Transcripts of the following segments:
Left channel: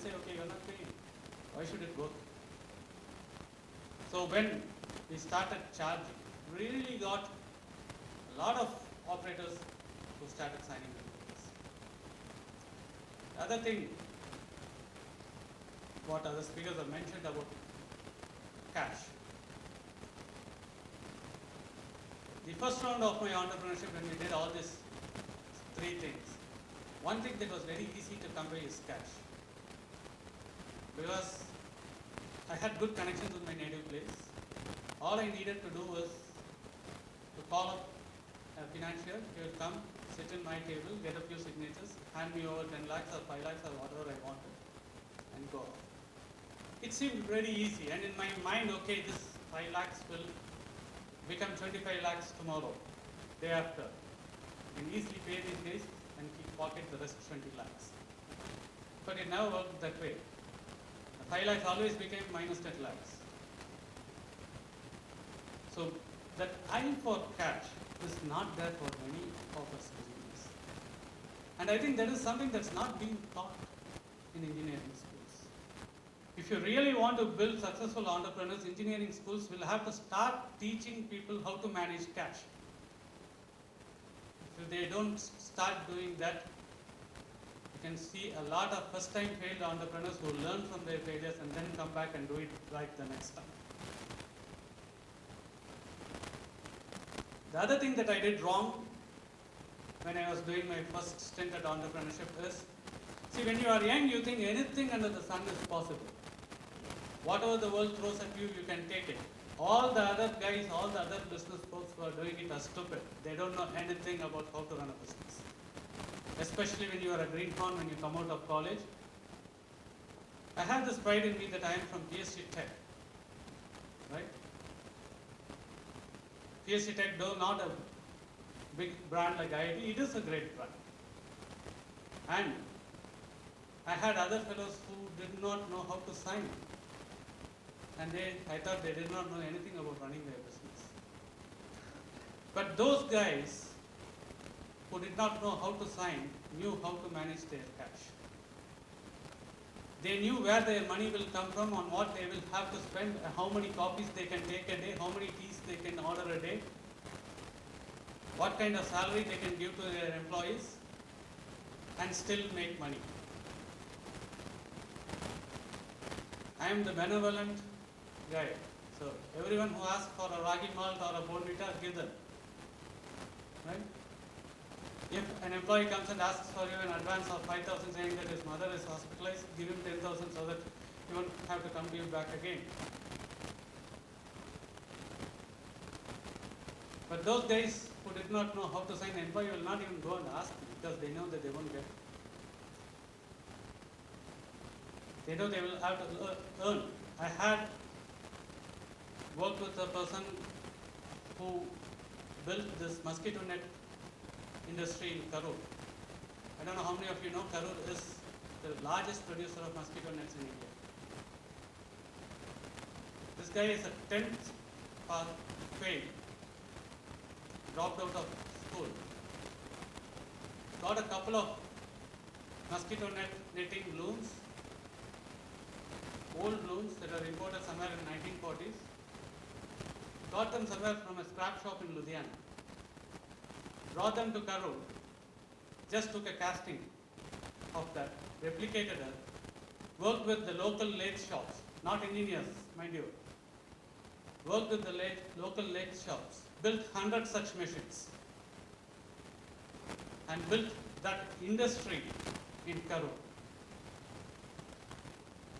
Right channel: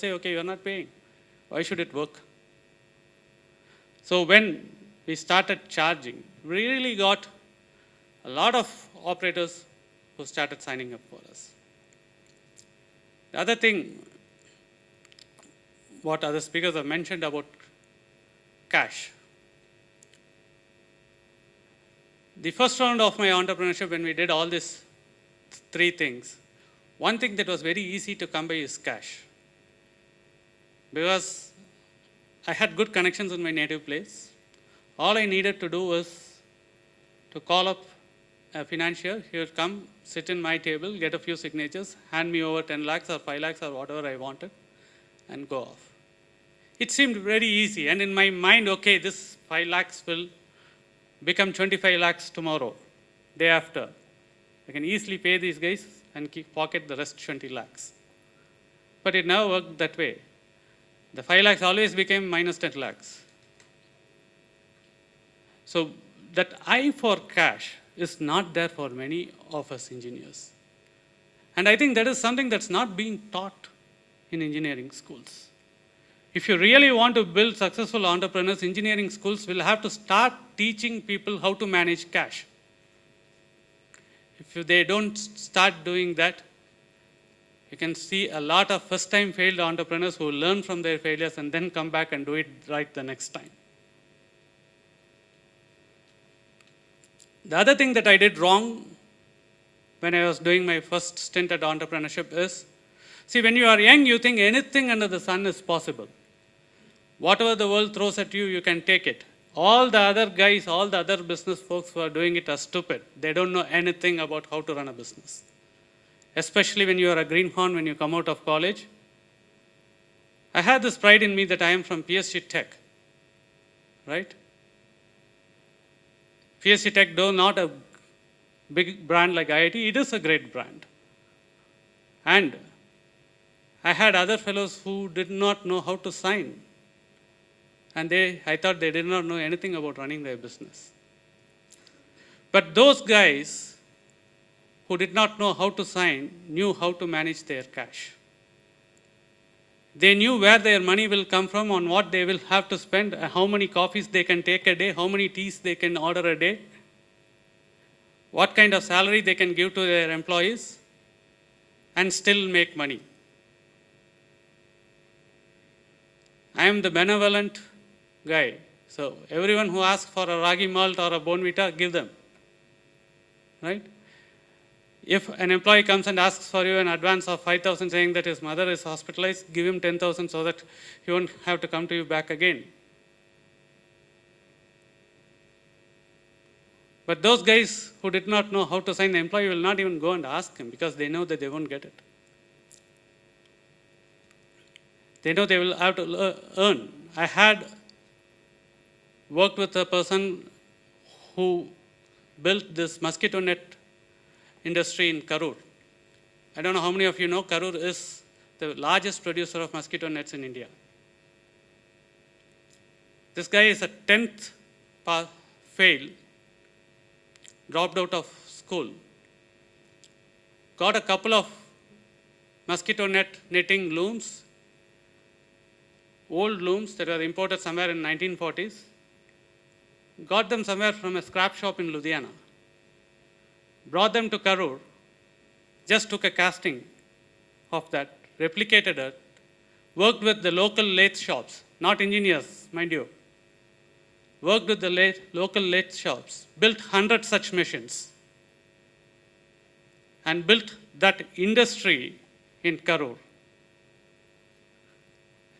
say, okay, you're not paying. Why should it work? So when we started charging, we really got a lot of operators who started signing up for us. The other thing, what other speakers have mentioned about cash. The first round of my entrepreneurship, when we did all these three things, one thing that was very easy to come by is cash. Because I had good connections in my native place. All I needed to do was to call up a financier. He would come, sit in my table, get a few signatures, hand me over 10 lakhs or 5 lakhs or whatever I wanted, and go off. It seemed very easy. And in my mind, okay, this 5 lakhs will become 25 lakhs tomorrow, day after. I can easily pay these guys and pocket the rest 20 lakhs. But it never worked that way. The 5 lakhs always became minus 10 lakhs. So that eye for cash is not there for many of us engineers. And I think that is something that's not being taught in engineering schools. If you really want to build successful entrepreneurs, engineering schools will have to start teaching people how to manage cash. If they don't start doing that, you can see a lot of first-time failed entrepreneurs who learn from their failures and then come back and do it right the next time. The other thing that I did wrong when I was doing my first stint at entrepreneurship is, see, when you are young, you think anything under the sun is possible. Whatever the world throws at you, you can take it. All the other guys, all the other business folks who are doing it are stupid. They don't know anything about how to run a business. Especially when you are a greenhorn, when you come out of college. I had this pride in me that I am from PSG Tech, right? PSG Tech, though not a big brand like IIT, it is a great brand. And I had other fellows who did not know how to sign. And I thought they did not know anything about running their business. But those guys who did not know how to sign knew how to manage their cash. They knew where their money will come from, on what they will have to spend, how many coffees they can take a day, how many teas they can order a day, what kind of salary they can give to their employees, and still make money. I am the benevolent guy. So everyone who asks for a ragi malt or a Bonvita, give them. Right? If an employee comes and asks for you an advance of 5,000 saying that his mother is hospitalized, give him 10,000 so that he won't have to come to you back again. But those guys who did not know how to sign, the employee will not even go and ask him because they know that they won't get it. They know they will have to earn. I had worked with a person who built this mosquito net industry in Karur. I don't know how many of you know Karur is the largest producer of mosquito nets in India. This guy is a 10th fail, dropped out of school, got a couple of mosquito netting looms, old looms that were imported somewhere in 1940s, got them somewhere from a scrap shop in Ludhiana, brought them to Karur, just took a casting of that, replicated it, worked with the local lathe shops, not engineers, mind you, worked with the local lathe shops, built 100 such machines, and built that industry in Karur.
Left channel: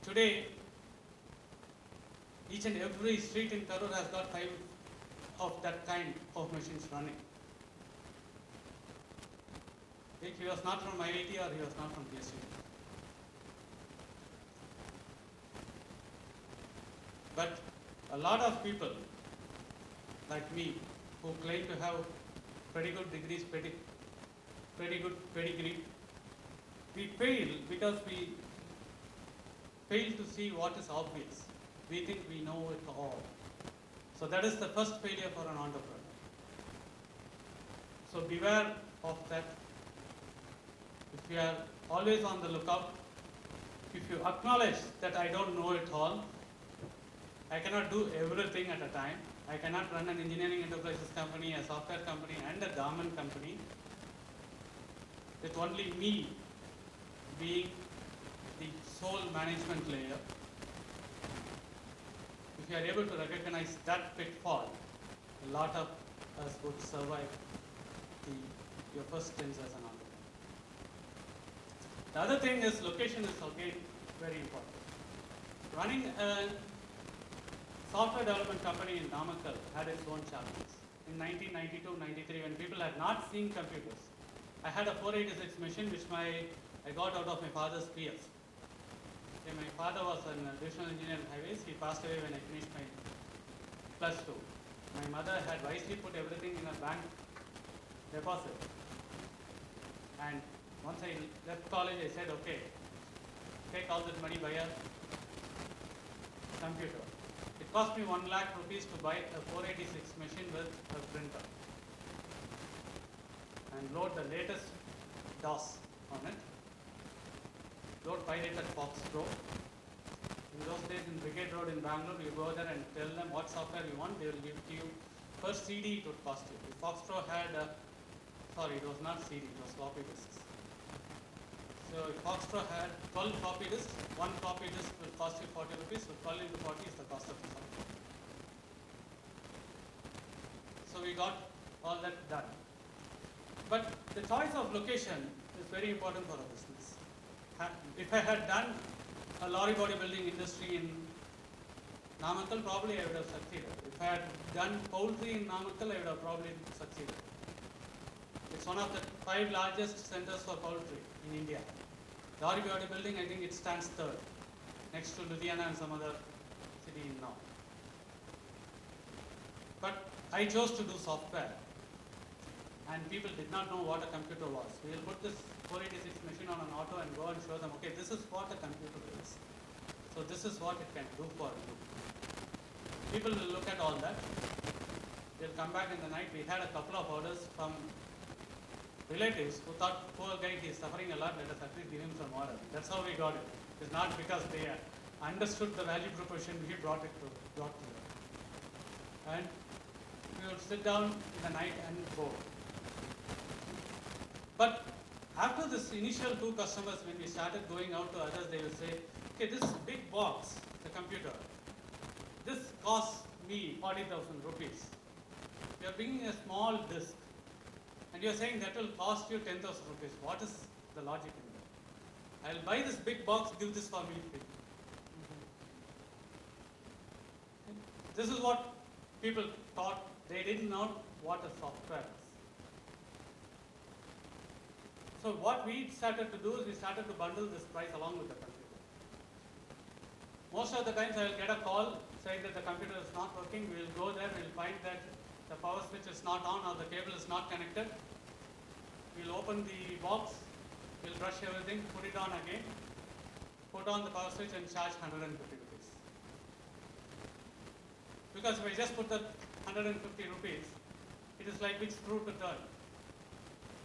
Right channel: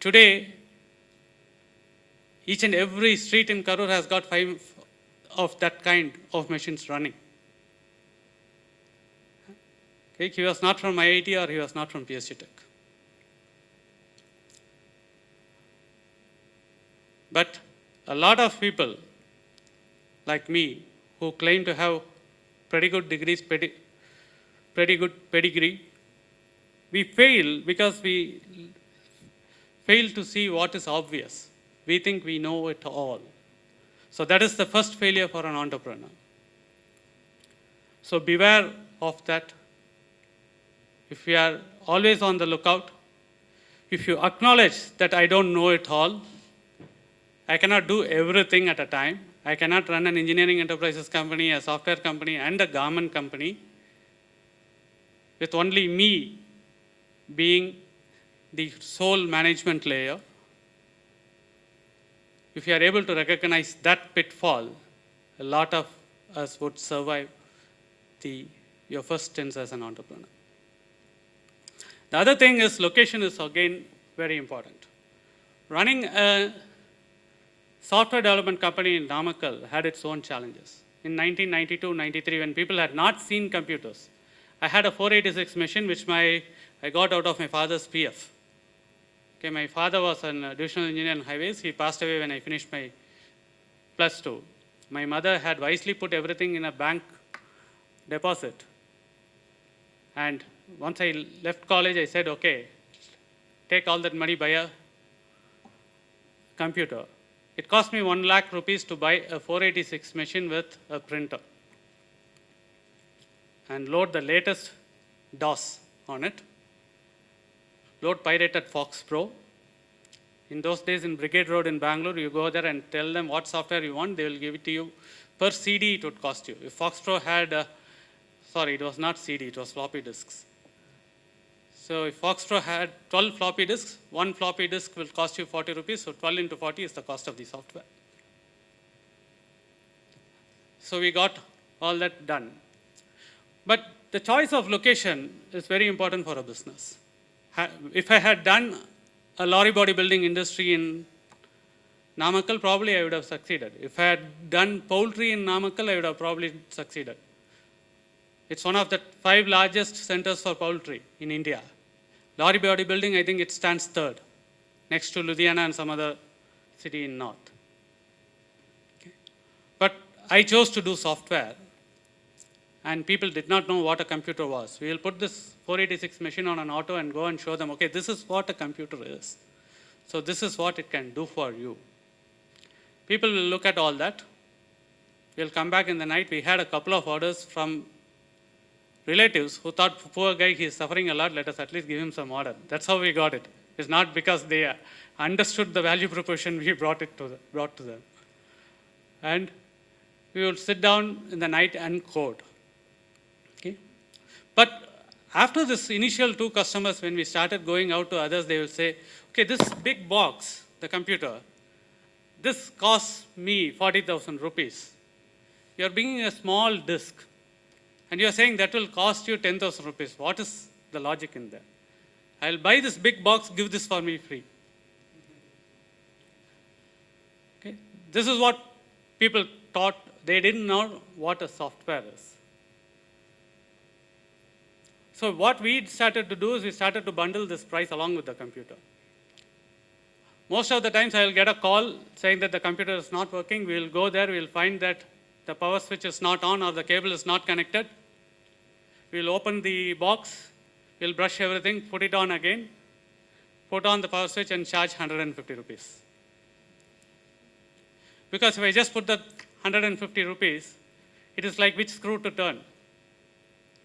Today, each and every street in Karur has got 5 of that kind of machines running. Okay, he was not from IIT or he was not from PSG Tech. But a lot of people like me who claim to have pretty good degrees, pretty good pedigree, we fail because we fail to see what is obvious. We think we know it all. So that is the first failure for an entrepreneur. So beware of that. If we are always on the lookout, if you acknowledge that I don't know it all, I cannot do everything at a time. I cannot run an engineering enterprises company, a software company, and a garment company with only me being the sole management layer. If you are able to recognize that pitfall, a lot of us would survive your first stints as an entrepreneur. The other thing is location is again very important. Running a software development company in Namakkal had its own challenges. In 1992-93, when people had not seen computers, I had a 486 machine which I got out of my father's PF. Okay, my father was a divisional engineer in highways. He passed away when I finished my +2. My mother had wisely put everything in a bank deposit. And once I left college, I said, okay, take all that money, buy a computer. It cost me 1 lakh rupees to buy a 486 machine with a printer and load the latest DOS on it. Load pirated Fox Pro. In those days in Brigade Road in Bangalore, you go there and tell them what software you want, they will give it to you. Per CD it would cost you. If Fox Pro had, it was not CD, it was floppy disks. So if Fox Pro had 12 floppy disks, one floppy disk will cost you 40 rupees, so 12 into 40 is the cost of the software. So we got all that done. But the choice of location is very important for a business. If I had done a lorry body building industry in Namakkal, probably I would have succeeded. If I had done poultry in Namakkal, I would have probably succeeded. It's one of the 5 largest centers for poultry in India. Lorry body building, I think it stands third, next to Ludhiana and some other city in north. But I chose to do software, and people did not know what a computer was. We will put this 486 machine on an auto and go and show them, okay, this is what a computer is. So this is what it can do for you. People will look at all that. We'll come back in the night. We had a couple of orders from relatives who thought, poor guy, he's suffering a lot, let us at least give him some order. That's how we got it. It's not because they understood the value proposition we brought to them. And we would sit down in the night and code. Okay? But after this initial 2 customers, when we started going out to others, they will say, okay, this big box, the computer, this costs me 40,000 rupees. You're bringing a small disk, and you're saying that will cost you 10,000 rupees. What is the logic in that? I'll buy this big box, give this for me free. Okay? This is what people thought. They didn't know what a software is. So what we started to do is we started to bundle this price along with the computer. Most of the times I will get a call saying that the computer is not working. We will go there, we will find that the power switch is not on or the cable is not connected. We will open the box, we will brush everything, put it on again, put on the power switch and charge 150 rupees. Because if I just put the 150 rupees, it is like which screw to turn,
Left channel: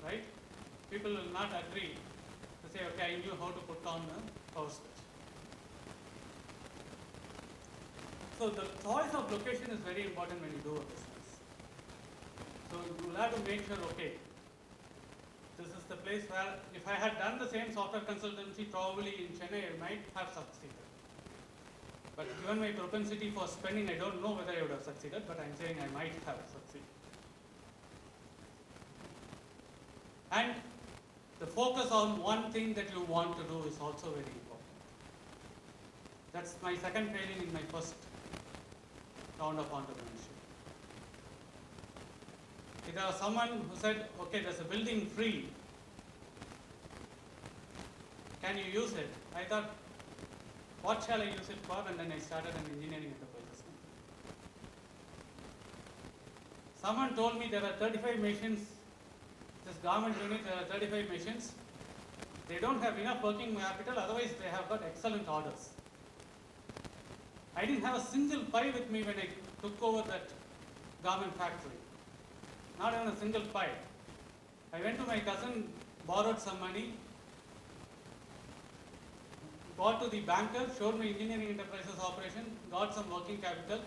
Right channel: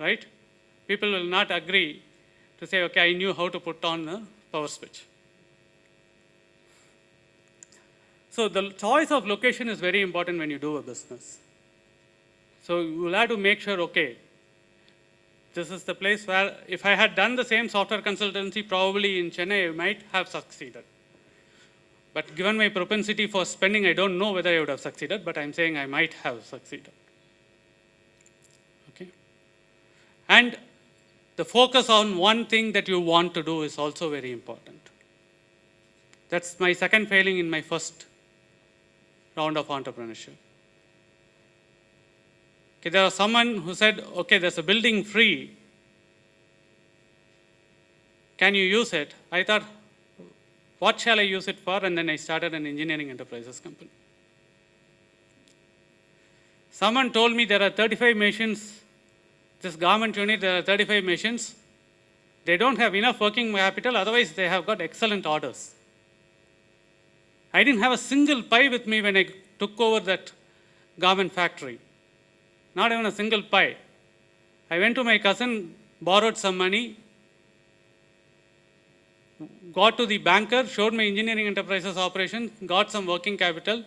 right? People will not agree to say, okay, I knew how to put on the power switch. So the choice of location is very important when you do a business. So you will have to make sure, okay, this is the place where if I had done the same software consultancy probably in Chennai, I might have succeeded. But given my propensity for spending, I don't know whether I would have succeeded, but I'm saying I might have succeeded. Okay? And the focus on one thing that you want to do is also very important. That's my second failing in my first round of entrepreneurship. Okay, there was someone who said, okay, there's a building free. Can you use it? I thought, what shall I use it for? And then I started an engineering enterprises company. Someone told me there are 35 machines, this garment unit, there are 35 machines. They don't have enough working capital, otherwise they have got excellent orders. I didn't have a single pie with me when I took over that garment factory. Not even a single pie. I went to my cousin, borrowed some money, got to the banker, showed my engineering enterprises operation, got some working capital,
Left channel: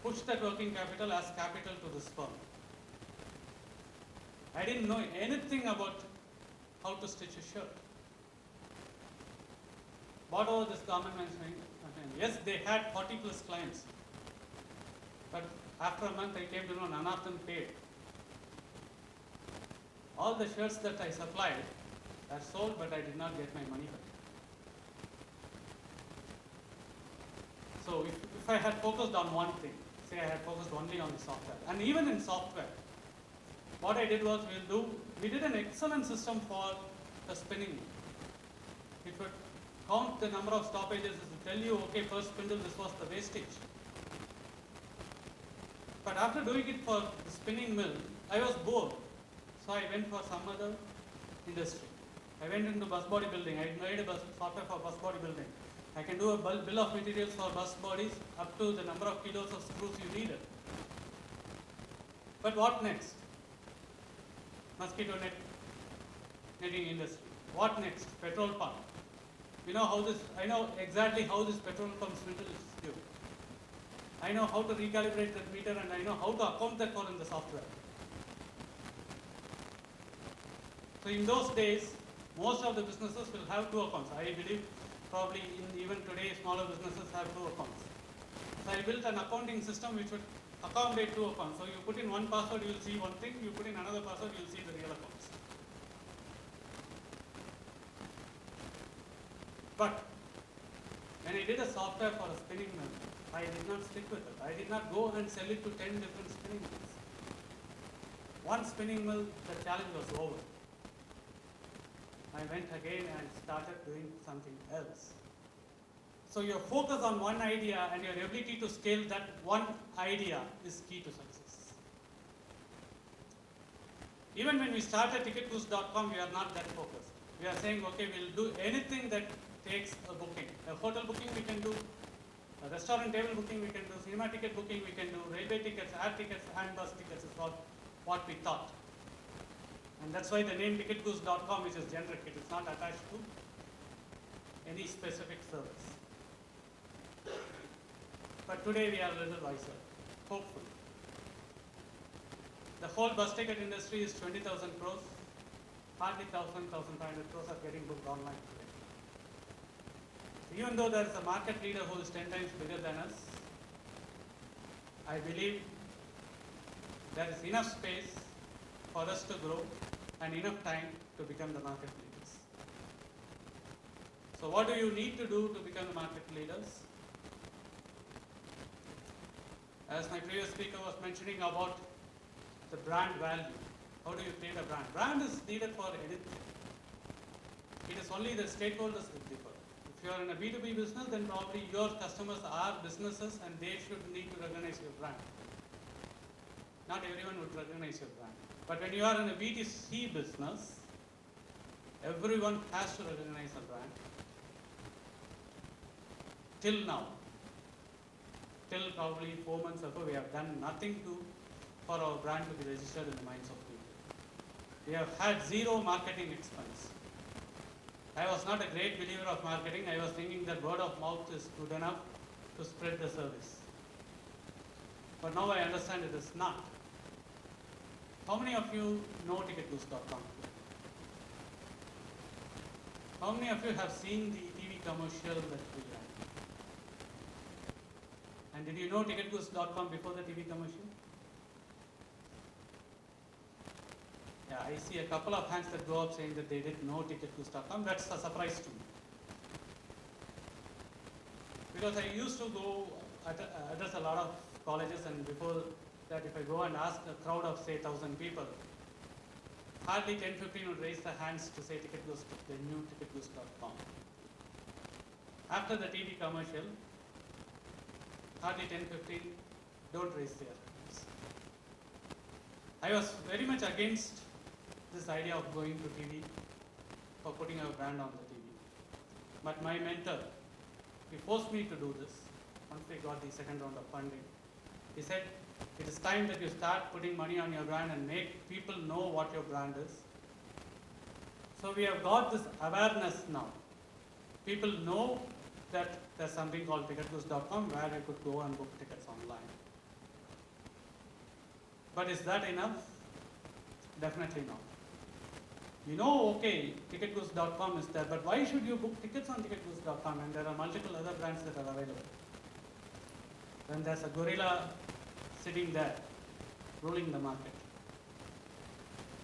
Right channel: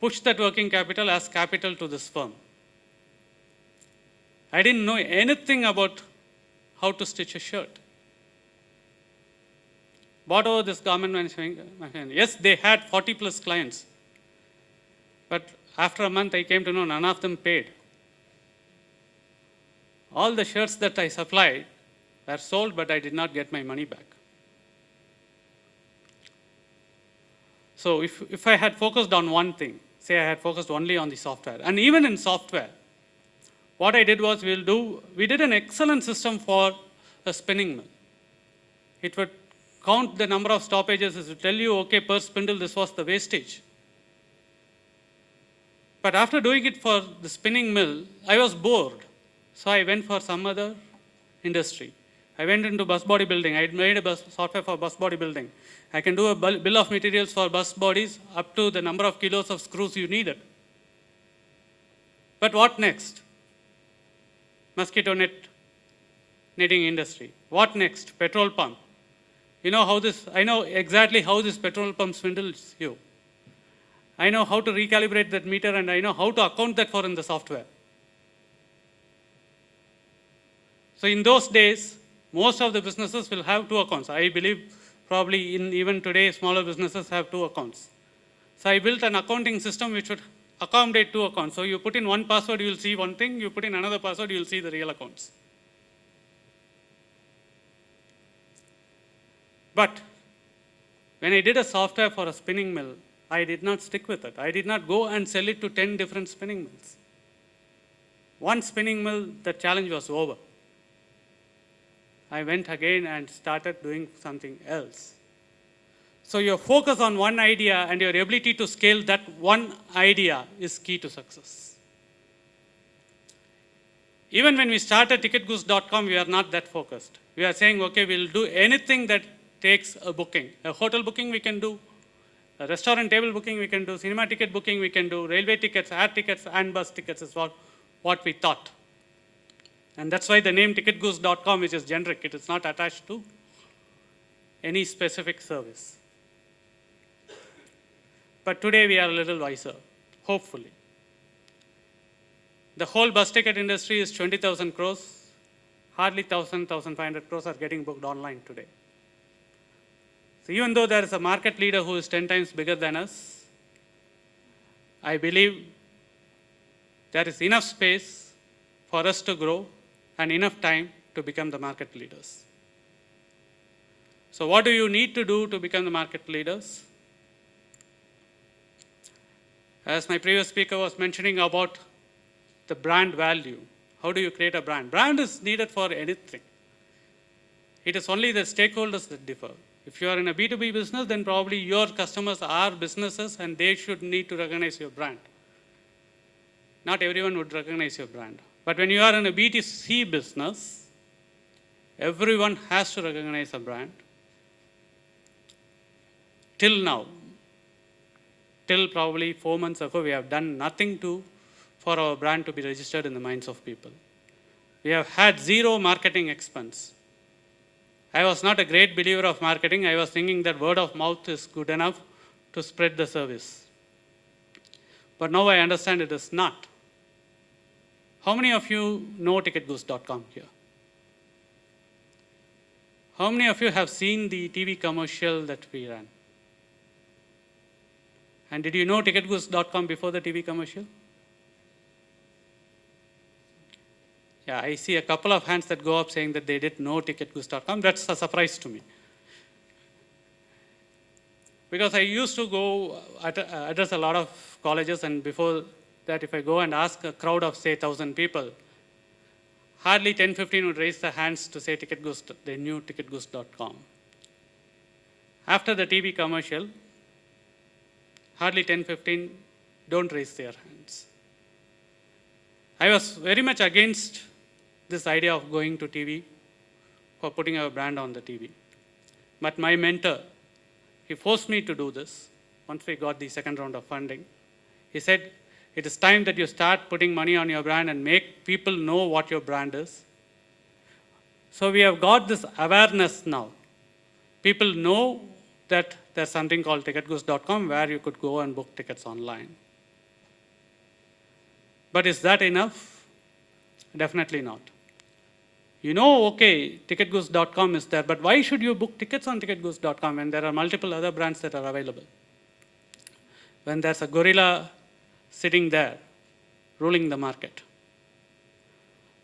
pushed that working capital as capital to this firm. I didn't know anything about how to stitch a shirt. Bought over this garment manufacturing. Yes, they had 40 plus clients. But after a month, I came to know none of them paid. All the shirts that I supplied were sold, but I did not get my money back. So if I had focused on one thing, say I had focused only on the software, and even in software, what I did was we did an excellent system for a spinning mill. It would count the number of stoppages, it would tell you, okay, per spindle, this was the wastage. But after doing it for the spinning mill, I was bored. So I went for some other industry. I went into bus body building. I made a software for bus body building. I can do a bill of materials for bus bodies up to the number of kilos of screws you needed. But what next? Mosquito net knitting industry. What next? Petrol pump. You know I know exactly how this petrol pump spindles you. I know how to recalibrate that meter, and I know how to account that for in the software. So in those days, most of the businesses will have two accounts. I believe probably even today, smaller businesses have two accounts. So I built an accounting system which would accommodate two accounts. So you put in one password, you will see one thing. You put in another password, you will see the real accounts. But when I did a software for a spinning mill, I did not stick with it. I did not go and sell it to 10 different spinning mills. One spinning mill, the challenge was over. I went again and started doing something else. So your focus on one idea and your ability to scale that one idea is key to success. Even when we started ticketgoose.com, we are not that focused. We are saying, okay, we'll do anything that takes a booking. A hotel booking we can do, a restaurant table booking we can do, cinema ticket booking we can do, railway tickets, air tickets, and bus tickets is what we thought. And that's why the name ticketgoose.com, which is generic, it is not attached to any specific service. But today we are a little wiser, hopefully. The whole bus ticket industry is 20,000 crores. Hardly 1,000, 1,500 crores are getting booked online today. So even though there is a market leader who is 10 times bigger than us, I believe there is enough space for us to grow and enough time to become the market leaders. So what do you need to do to become the market leaders? As my previous speaker was mentioning about the brand value, how do you create a brand? Brand is needed for anything. It is only the stakeholders that differ. If you are in a B2B business, then probably your customers are businesses and they should need to recognize your brand. Not everyone would recognize your brand. But when you are in a B2C business, everyone has to recognize a brand. Till now, till probably 4 months ago, we have done nothing for our brand to be registered in the minds of people. We have had zero marketing expense. I was not a great believer of marketing. I was thinking that word of mouth is good enough to spread the service. But now I understand it is not. How many of you know ticketgoose.com here? How many of you have seen the TV commercial that we ran? And did you know ticketgoose.com before the TV commercial? Yeah, I see a couple of hands that go up saying that they didn't know ticketgoose.com. That's a surprise to me. Because I used to go address a lot of colleges, and before that, if I go and ask a crowd of, say, 1,000 people, hardly 10, 15 would raise their hands to say ticketgoose, they knew ticketgoose.com. After the TV commercial, hardly 10, 15 don't raise their hands. I was very much against this idea of going to TV for putting our brand on the TV. But my mentor, he forced me to do this once we got the second round of funding. He said, it is time that you start putting money on your brand and make people know what your brand is. So we have got this awareness now. people know that there's something called ticketgoose.com where you could go and book tickets online. But is that enough? Definitely not. You know, okay, ticketgoose.com is there, but why should you book tickets on ticketgoose.com when there are multiple other brands that are available? When there's a gorilla sitting there, ruling the market.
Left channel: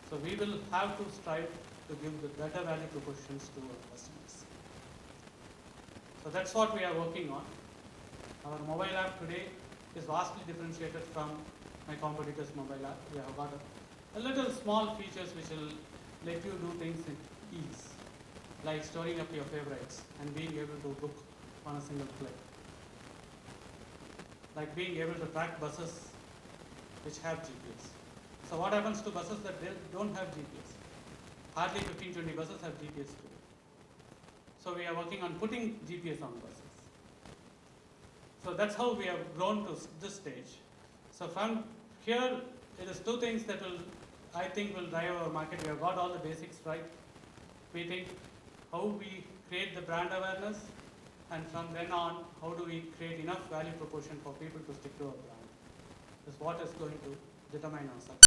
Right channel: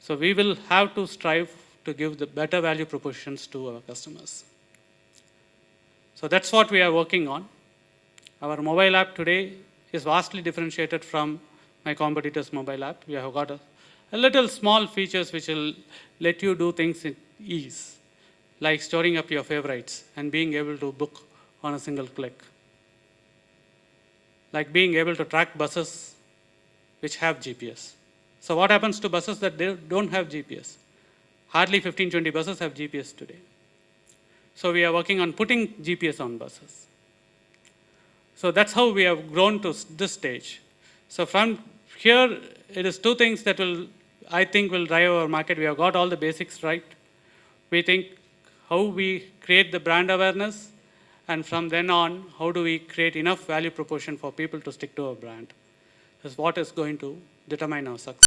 So we will have to strive to give the better value propositions to our customers. So that's what we are working on. Our mobile app today is vastly differentiated from my competitors' mobile app. We have got a little small features which will let you do things in ease, like storing up your favorites and being able to book on a single click, like being able to track buses which have GPS. So what happens to buses that don't have GPS? Hardly 15-20 buses have GPS today. So we are working on putting GPS on buses. So that's how we have grown to this stage. So from here, it is two things that I think will drive our market. We have got all the basics right. We think how we create the brand awareness, and from then on, how do we create enough value proposition for people to stick to our brand is what is going to determine our success.